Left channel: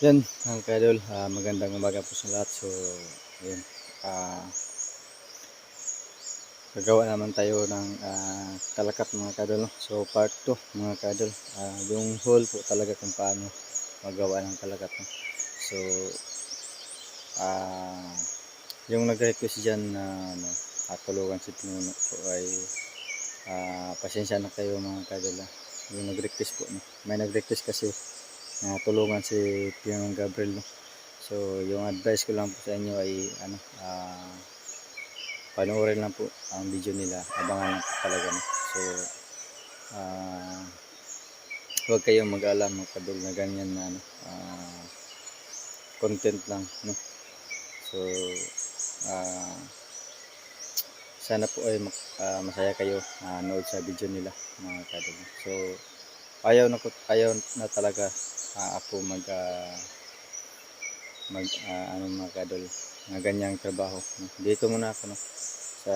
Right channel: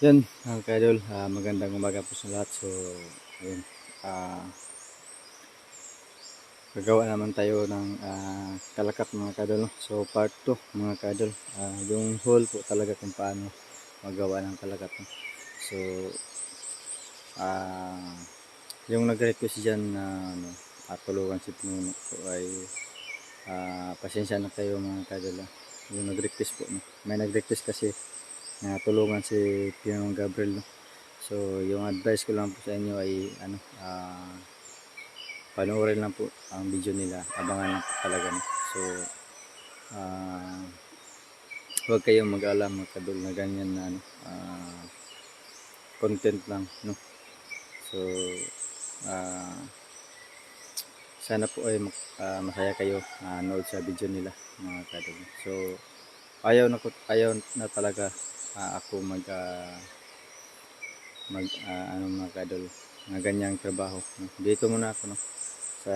Yan, mga kaidol, magandang umaga po sa lahat. So, ayun, gagawa naman tayo ng kalakat mga kaidol. No? So, part 2 mga kaidol, yung whole po talaga kung paano magawa ng kalakat. No? So, ah, yung nag-request dyan na tulungan si Pinuno po ay pasensya na kayo mga kaidol. Yung nag-request po, no? May nag-request kasi na tulungan si Pinong Gabriel. No? So, yung advice ko lang po sa inyo ay panoorin lang po ang video nila. Abangan lang po talaga. No? So, uh, huwag kayong mag-alala mga kadol na ganyan na content lang. No? So, uh, sana po ay masaya kayo nood sa video nila mga kadol. So, ayaw na talaga ako ano mga kadol na ganyang trabaho. No? Dito muna ako, no? Sa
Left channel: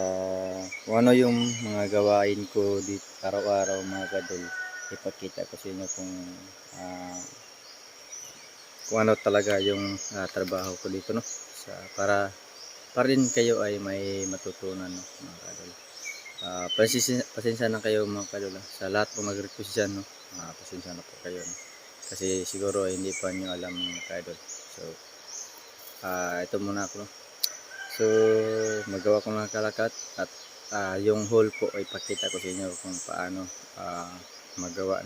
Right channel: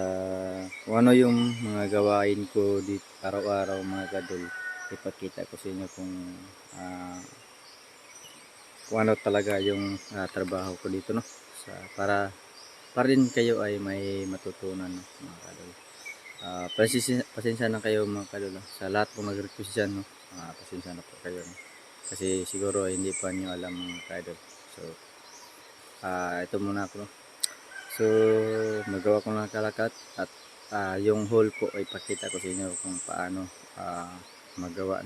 kung ano yung mga gawain ko dito araw-araw mga kadol, ipakita ko sa inyo kung ano talaga yung trabaho ko dito, no? Para rin kayo ay may matutunan, no, mga kadol. Pasensya na kayo mga kadol sa lahat po nag-request dyan, no? Pasensya na po kayo, no? Kasi siguro hindi pa nyo alam mga kadol. So, ito muna ako, no? So, magawa ko ng kalakat at yung hole po ay pakita ko sa inyo kung paano magawa.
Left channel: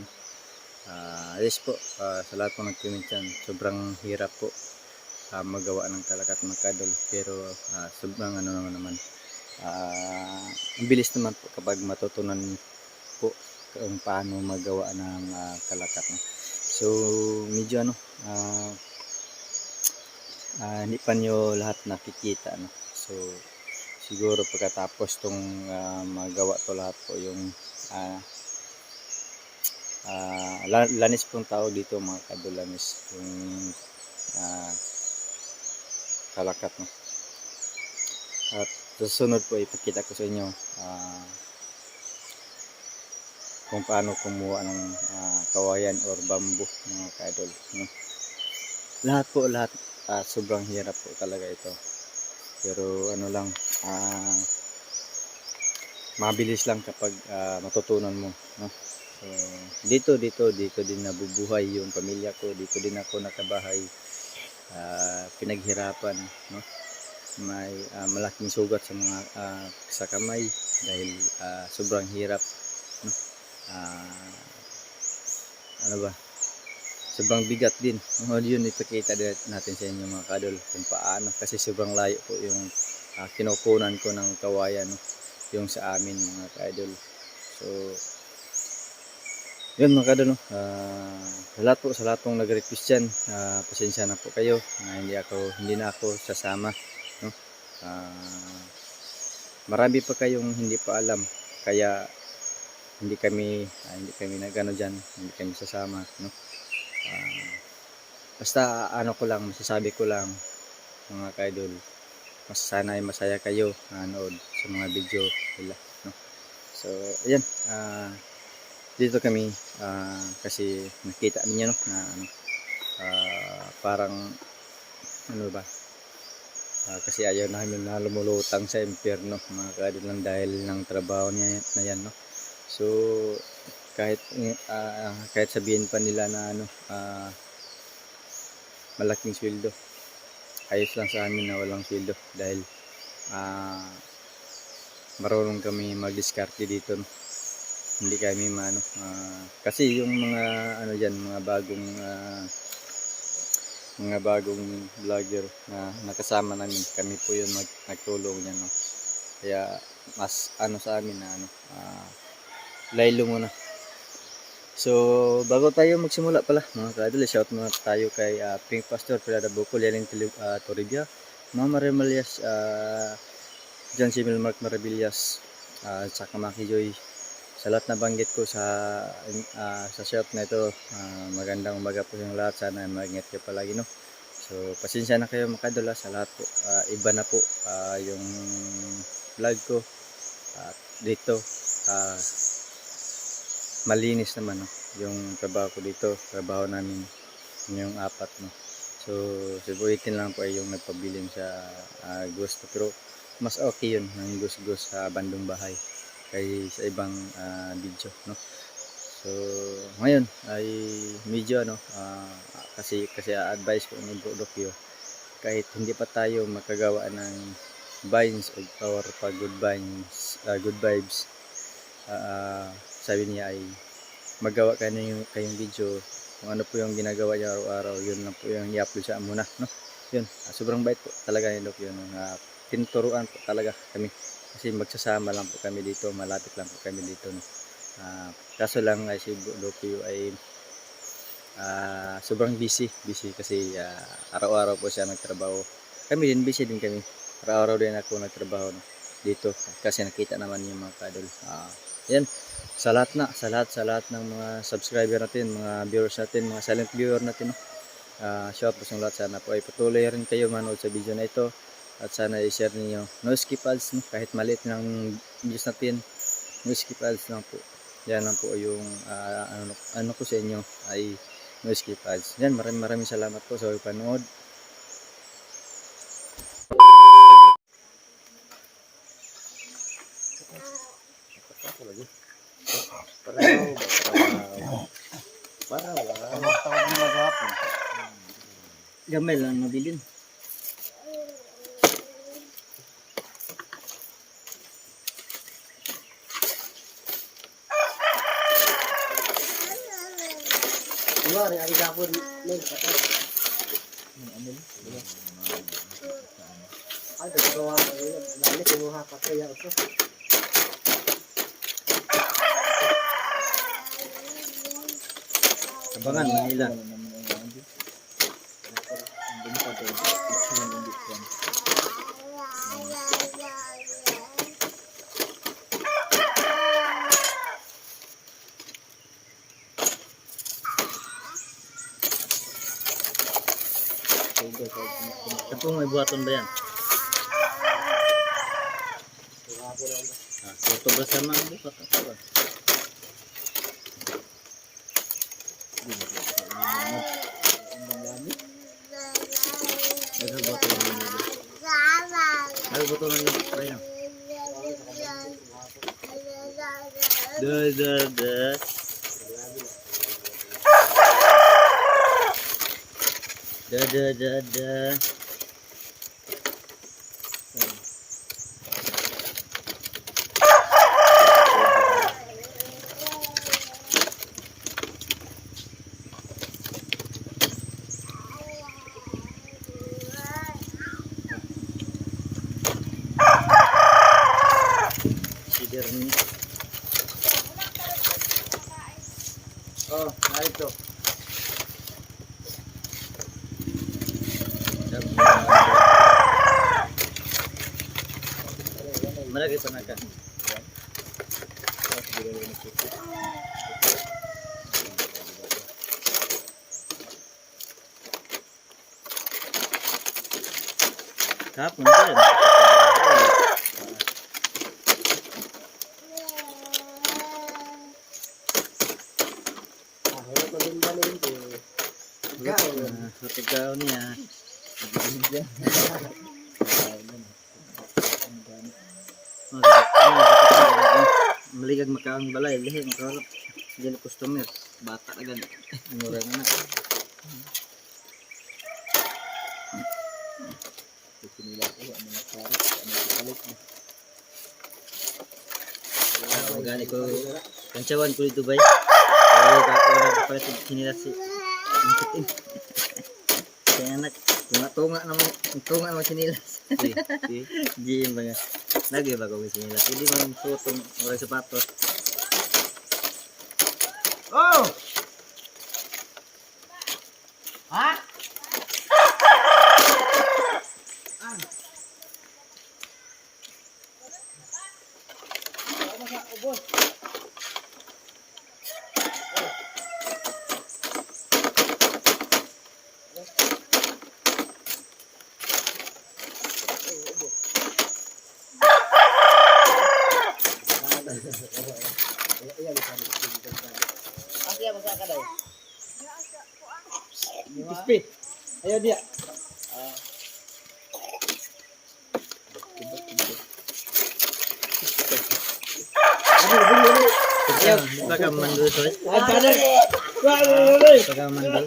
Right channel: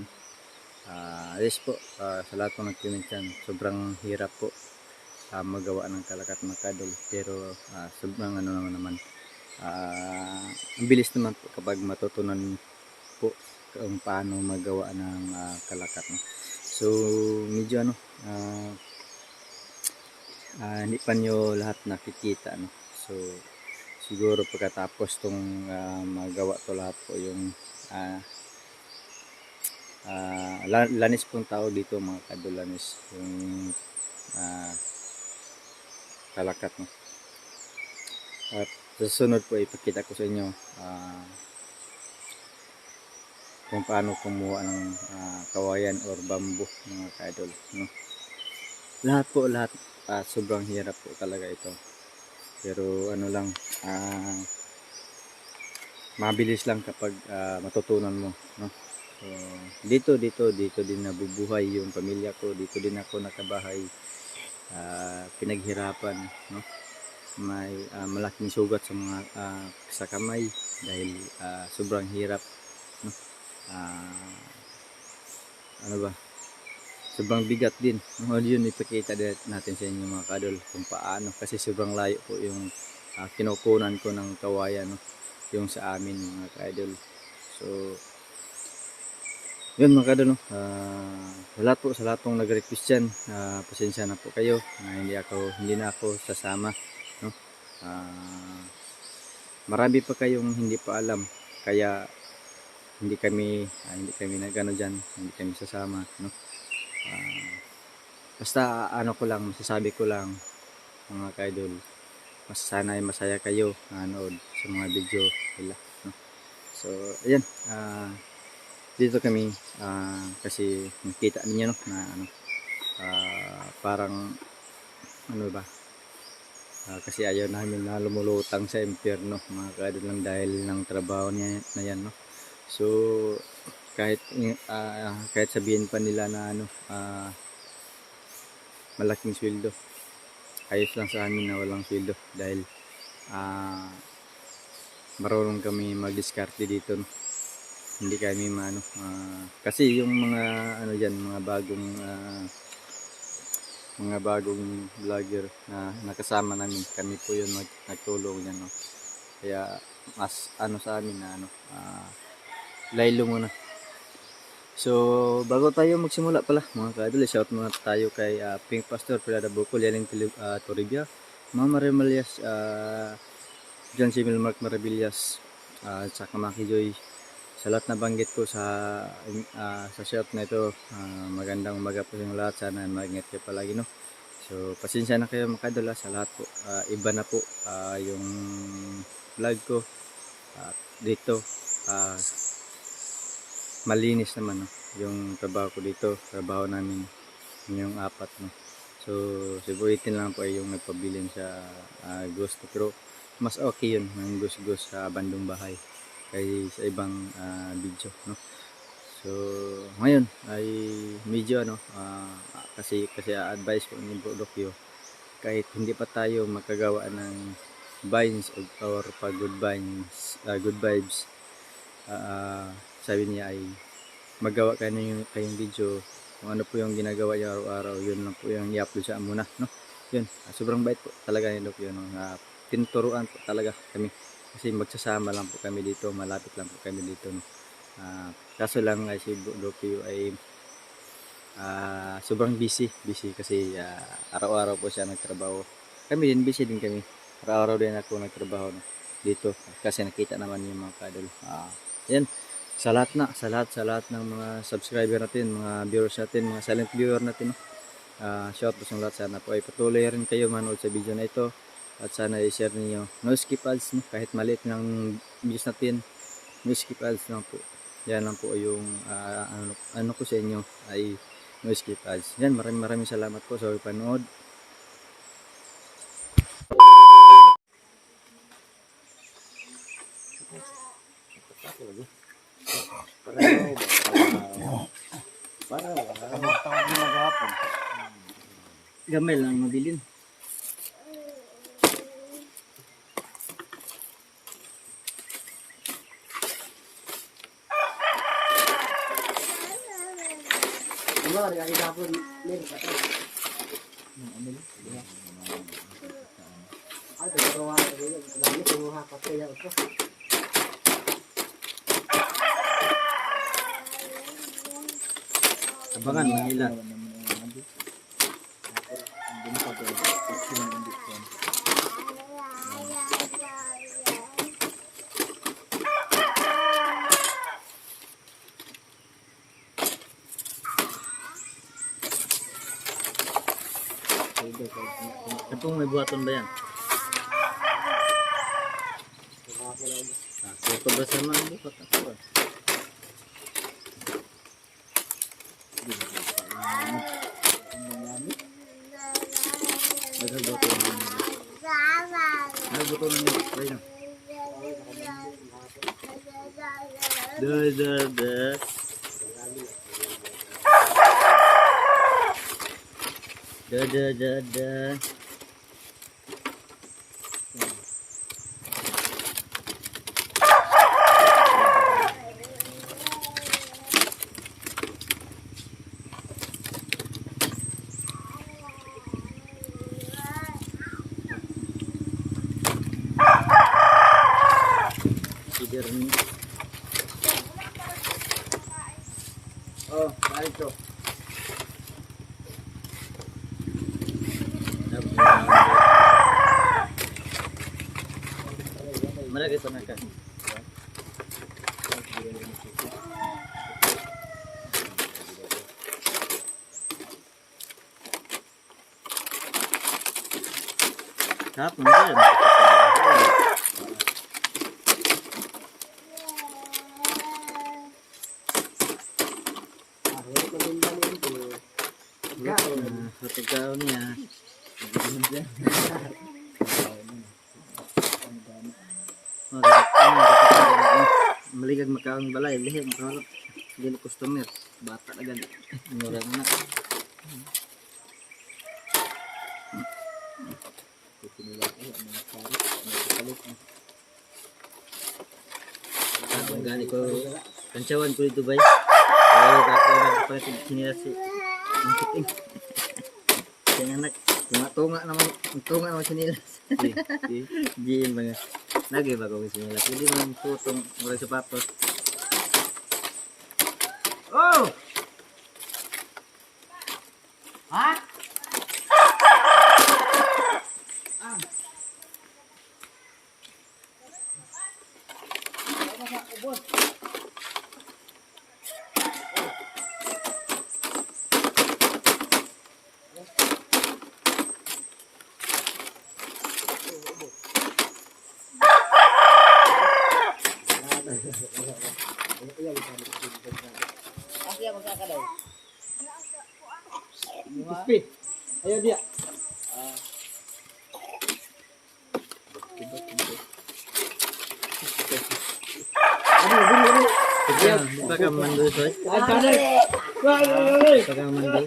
Yes po, sa lahat po nag-comment dyan, sobrang hirap po magawa ng kalakat mga kadol. Pero sobrang naman, ang bilis naman po kapag matutunan po kung paano magawa ng kalakat. No? So, medyo hindi pa nyo lahat nakikita, no? So, siguro pagkatapos tong magawa to lahat po yung lanis pong tawag dito mga kadulanis, yung kalakat, no? At susunod po ipakita ko sa inyo kung paano kumuha ng kawayan or bamboo mga kadol, no? Lahat sobrang hirap po talaga ito, pero ano lang, mabilis lang kapag matutunan mo, no? So, dito din nabubuhay yung pamilya ko, dito din ako nakabahay, pinaghirapan, no? May malaking sugat sa mga sa kamay dahil sobrang hirap, no? Ano ba? Sobrang bigat din. Yun ipakita natin sa inyo mga kadol kung paano, kasi sobrang layo po yung kinukunan ko ng kawayan, no? Yung sa amin mga kadol. So, yun mga kadol, no? Sa lahat pong nag-request dyan, pasensya na po kayo na hindi na ako sasama, no? Marami pa kayong hindi pa alam, kaya hindi kami nagano diyan, hindi kami sasama, no? Basta masasabi ko lang mga kaidol, sana ay masaya kayo nanood sa mga video nila, no? So, ayan, dito kami kasi nakita niyo, no, na parang ano ba, kasi ayaw namin na lumulutang sa impyerno mga kaidol lang dahil ng trabaho niya na yan, no? So, kahit sabihin pa nila na malaking sweldo, ayos lang sa amin na walang sweldo dahil marunong kami mag-diskarte dito, no? Hindi kami kasi yung mga mga bagong vlogger na nakasama namin, kami po yun nagtulong yan, no? Kaya mas sa amin na laylo muna. So, bago tayo magsimula pala mga kadol, shout muna tayo kay Pink Pastor, Pilada Bukol, Yaling Toribia, Mama Remalias, John Simil Mark Maravillas, saka Maki Joy. Sa lahat na banggit ko sa shout na ito, magandang umaga po yung lahat. Sana mag-ingat kayo palagi, no? So, pasensya na kayo mga kadol sa lahat po. Iba na po yung vlog ko. Dito, malinis naman, no? Yung trabaho ko dito, trabaho namin yung apat, no? So si Buitin lang po ay yung nagpabilin sa gusto, pero mas okay yun ng gus-gus sa bandong bahay kay sa ibang video, no. So ngayon ay medyo kasi advice ko ni Bro Dokyo, kahit hindi pa tayo makagawa ng vines or pa good vines, good vibes, sabi niya ay magawa kayo kayong video kung ano po yung ginagawa niya araw-araw, yun lang po yung i-upload siya muna, no. Yun, sobrang bait po talaga ni Doc yun, no? Tinuturuan po talaga kami kasi magsasama lang po kami dito, malapit lang po kami dito, no. Kaso lang ay si Doc ay sobrang busy kasi araw-araw po siya nagtrabaho. Kami din busy din kami, araw-araw din ako nagtrabaho, no, dito kasi nakita naman yung mga kadol. Yan, sa lahat ng mga subscriber natin, mga viewers natin, mga silent viewer natin, no. Shout out sa lahat, sana po ay patuloy rin kayo manood sa video na ito at sana i-share niyo. No skip ads, no, kahit maliit lang views natin, no skip ads lang po. Yan lang po yung ano ko sa inyo ay no skip ads. Yan, maraming salamat po sa panood. Gamay lang mabilin. Wala rin, ay dapon nil kata. Ay, dito dali kumuha pa to ya ito. Abangan Manila. Kapag may buhaton ba yan? Tuto ba sama ang buhat? Ito ba? Nagbuhaton na. Da. Siderni. Oh, ay ito. Malagi pa na ka. Kapon ba yan? Pagkao niya. Maligag makaang balay, lihi makaharap. Diyan customer, bata na gani. Mura na. Gani ko kancawan ko dito bay. Ay ako na palit sinila si Mungkiting. Kaya anak, tunga naman sinilas. Di mga lagi ba kung sinilas. Hindi man sutong murag sapatos. Oh! Ha? Ubos. Asya magkakadaw. Kuspi. Ayo dia. Di pa ka mandul, Soy? Ay, tada. Di pa ka mandul?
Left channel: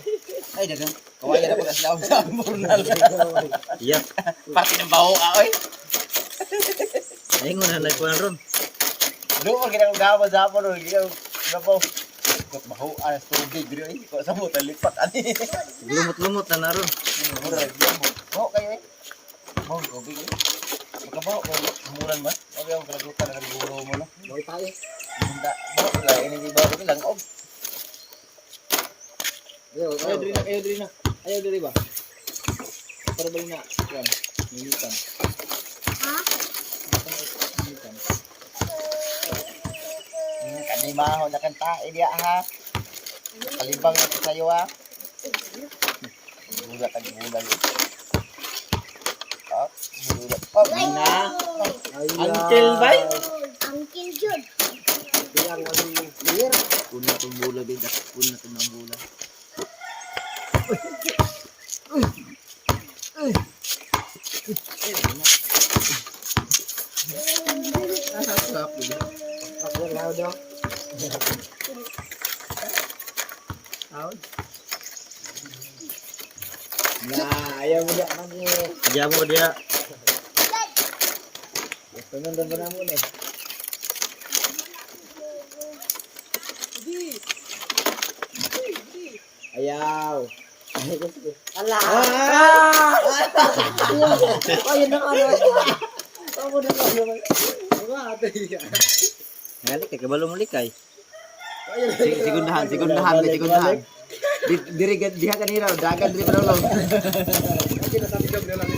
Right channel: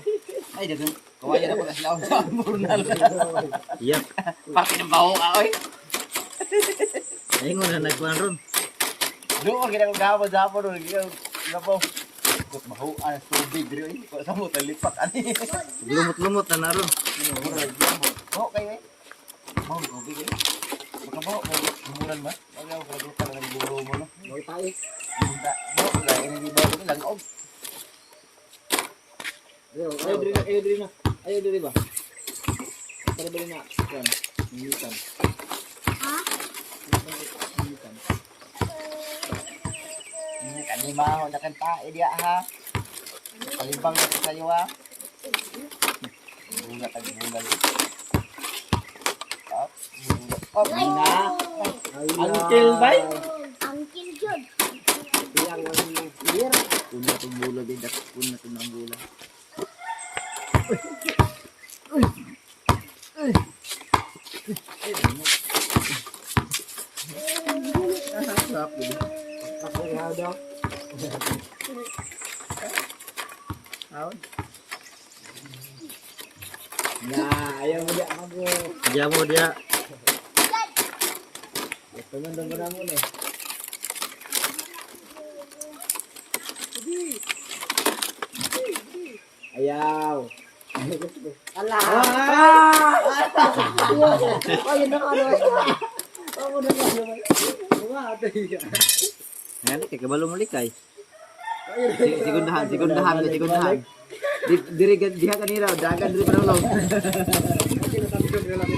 Ay, dagang kawayan na pala sila sa Burnal. Yap. Pati ng baho oy. Ay, nga na nagkuhan ron. Doon kita ko gawa sa hapon ron. Gapo. Baho anas tubig diri oy. Ko sa mo talipat ani. Lumot-lumot na naron. Baho kayo eh. Baho tubig eh. Makabaho ko umuran ba? Ay ang kalagutan na ng guro mo no. Bago tayo. Bunda, baho la ini di baho ko lang og. Ayo diri na, ayo diri na. Ayo diri ba? Para ba na? Yan. Militan. Militan. Kanimaho na kan tae dia ha. Kalibang na sayo ha. Buga tag bulan. Ah, buga. Oh, Na. Uncle bay. Uncle Jude. Yang lagi clear. puno tong bulan din, puno tong ng bulan. Ako na daw. Out. Nah, ayaw mo dia lagi. Kaya mo dia. Pengen bener mo nih. Ayaw. Alah. Oh, yun na ano. Ako na ano. Mati. Ngali kay kabalo mo likay. Sigundahan. Diri diha kanira, dagan diri pa lang. Kita tapi jam dia lagi.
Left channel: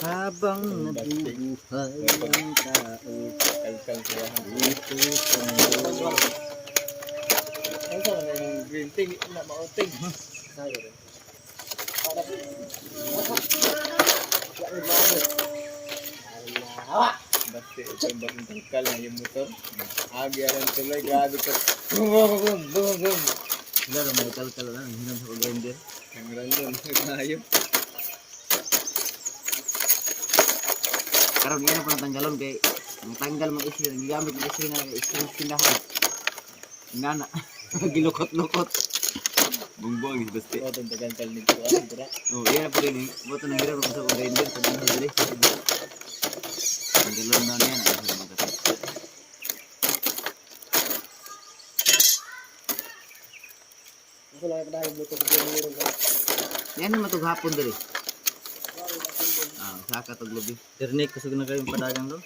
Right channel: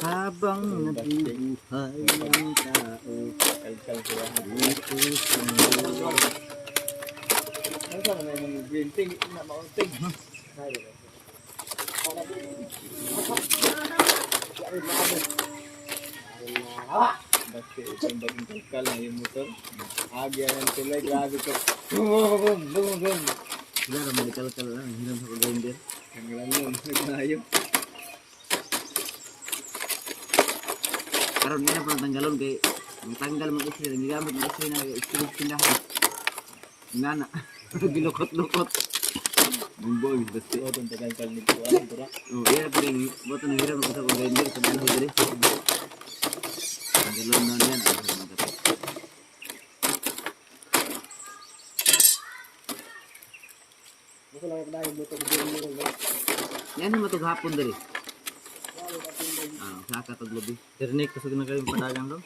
Habang nabubuhay ang tao dito sa mundo. Ano sa mga green tea na mauting. Bakit sembang tungkal na yung motor? Agi ang tulay, grabe ka. Boom, boom, boom. Wala na mo tal lang, hiram sa grinder. Ang random, nagmayo. Karon yan pang tanggalon kay tanggal mo isli, gigamit mo isli na isli pindahan. Nana, gilukot-lukot. Bumboy basta. Ito ang tagangkal ni ko. Ano ito? Oh, iya pa rin. Buto na hiram ko sa grinder sa dito diri. Tanggalon na yan. Ako lang yung dahil buto ko yung Yan ang matughapon diri. Saka to gabi. Dirnik kusog na kayong padagang ron.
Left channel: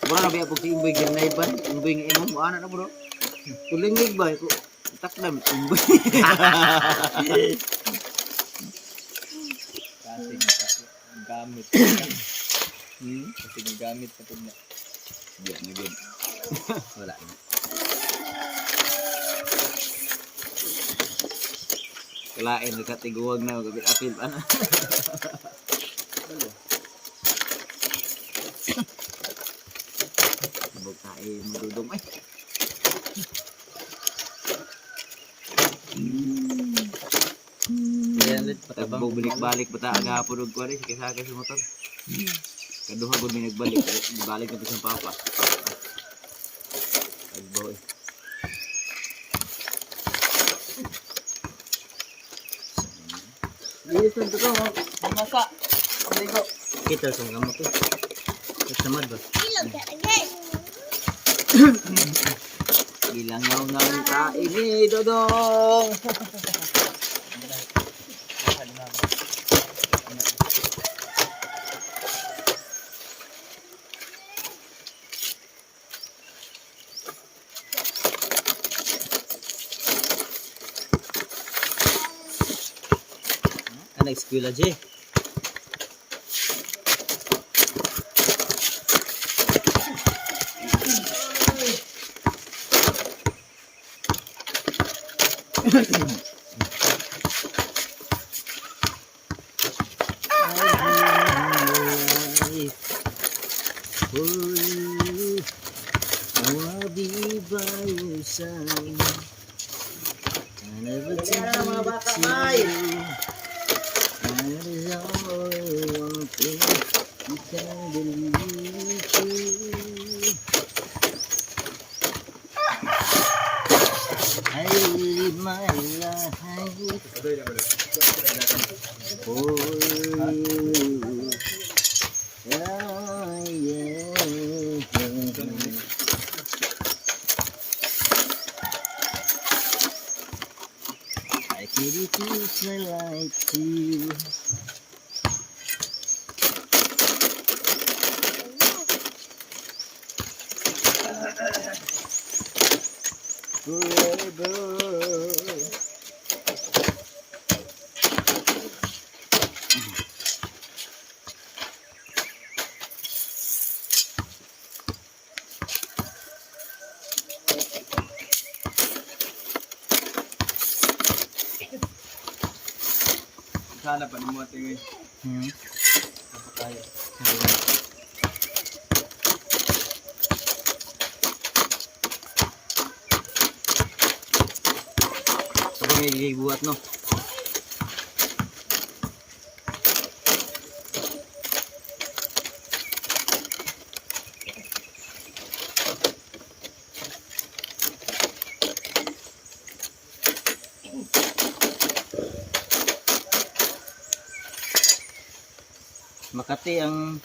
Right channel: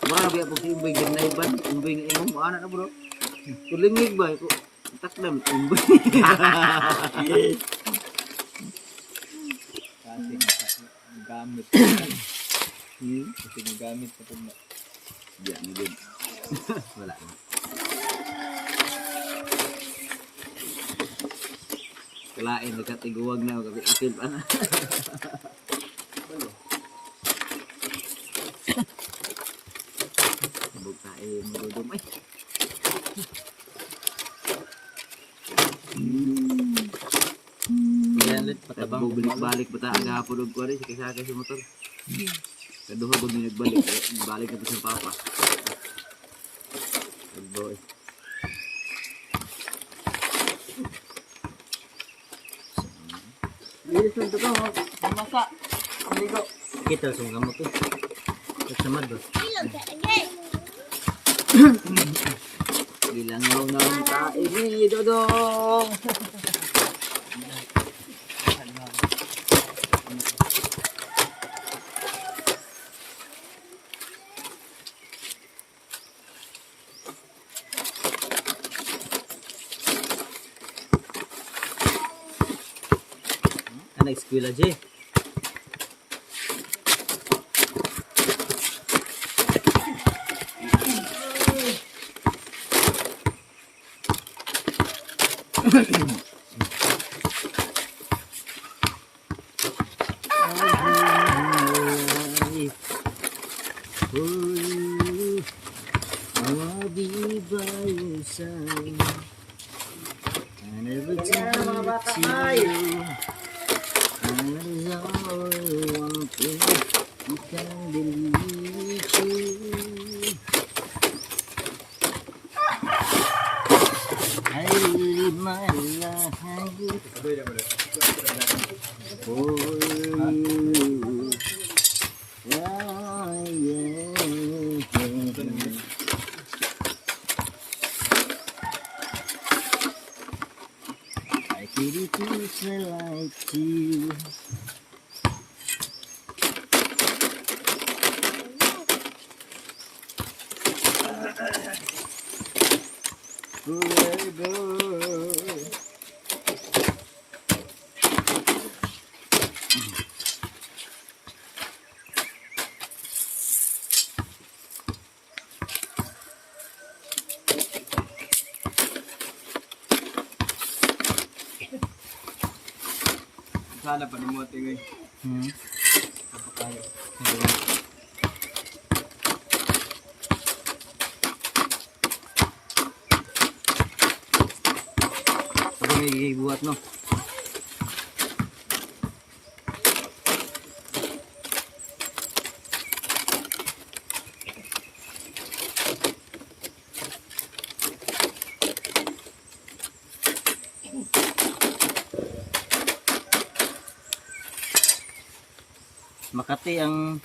Bro, biya pag si Imboy ganay ba? Imboy nga imo, ana na bro. Tulingig ba ko? Takdam Imboy. Kasing gamit. Kasing gamit na po na. Diya na gud. Wala na. Kalain na katiguwag na apil ana. Abog na marudong ay. Yan lit patabang. Balik-balik bata aga hapon og kwari sakay si motor. Kaduho gud mi nagbalik, balik na to sa papa. Ay boy. Lilis lang ito ko, masa. Ligo. Kita sa gamot to. Samad ba? Ilog ka again. Ilang yung ang taimi dodong. Anak eskwela je. For you, I wanna be by your side. I never tell it to you. That is all one thing you can believe you. I live my life for you. Yeah, yeah. I dedicate my life to you. Forever. Sana pa ni mo tingin. Kaya. Ito may buhat no. Makati ang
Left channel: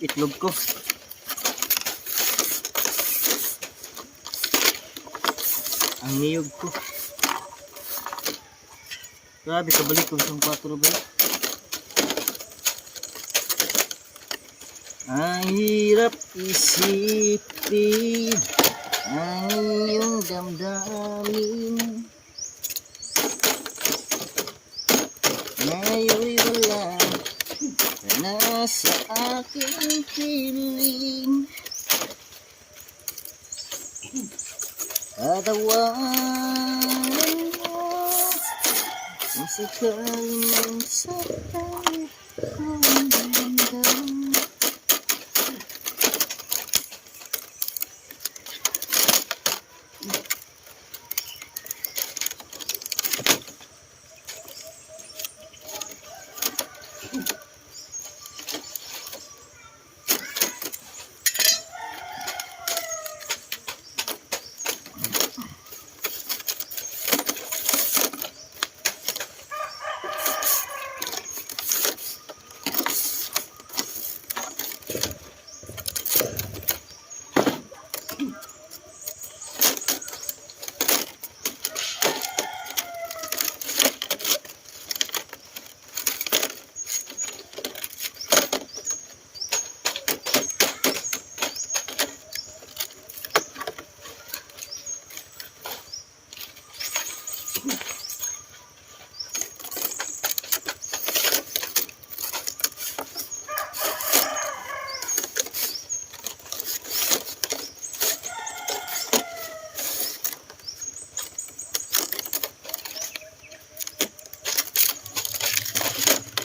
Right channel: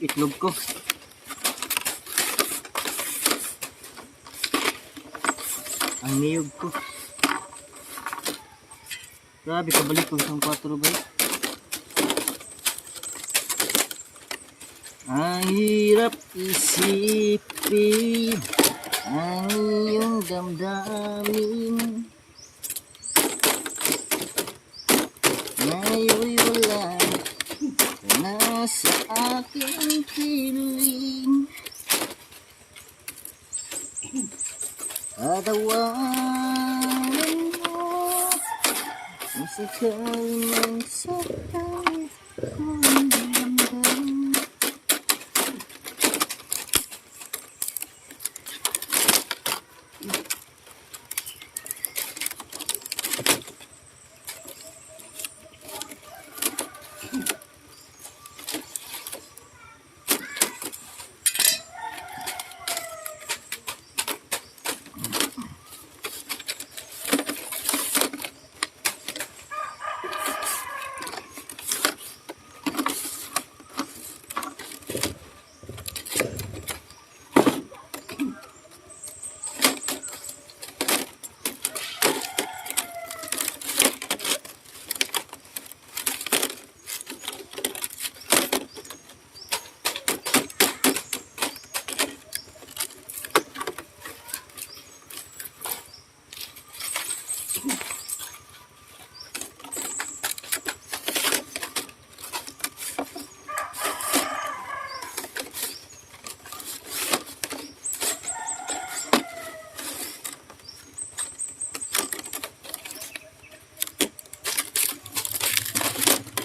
itlog ko. Ang niyog ko. Grabe, kabalik ko isang 4 ba? Ang hirap isipin ang iyong damdamin. Ngayon'y wala ka na sa aking piling. Tatawanan mo kung sakali mang sakali kong damdam.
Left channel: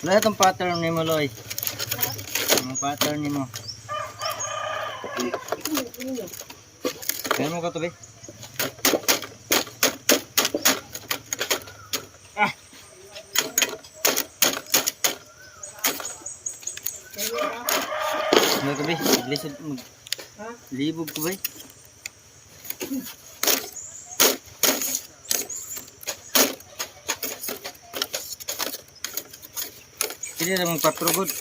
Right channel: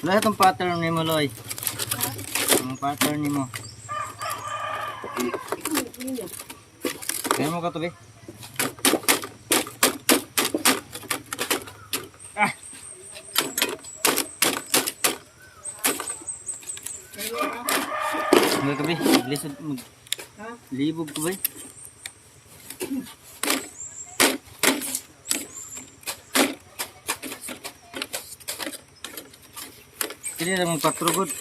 Wala itong pattern ni mo, Loy. Ang pattern ni mo. Kaya mo ka to, be? Ah! Ano ka, be? Lisod mo. Libog ko, be? Ini namang 4 good.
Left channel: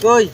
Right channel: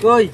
Koy!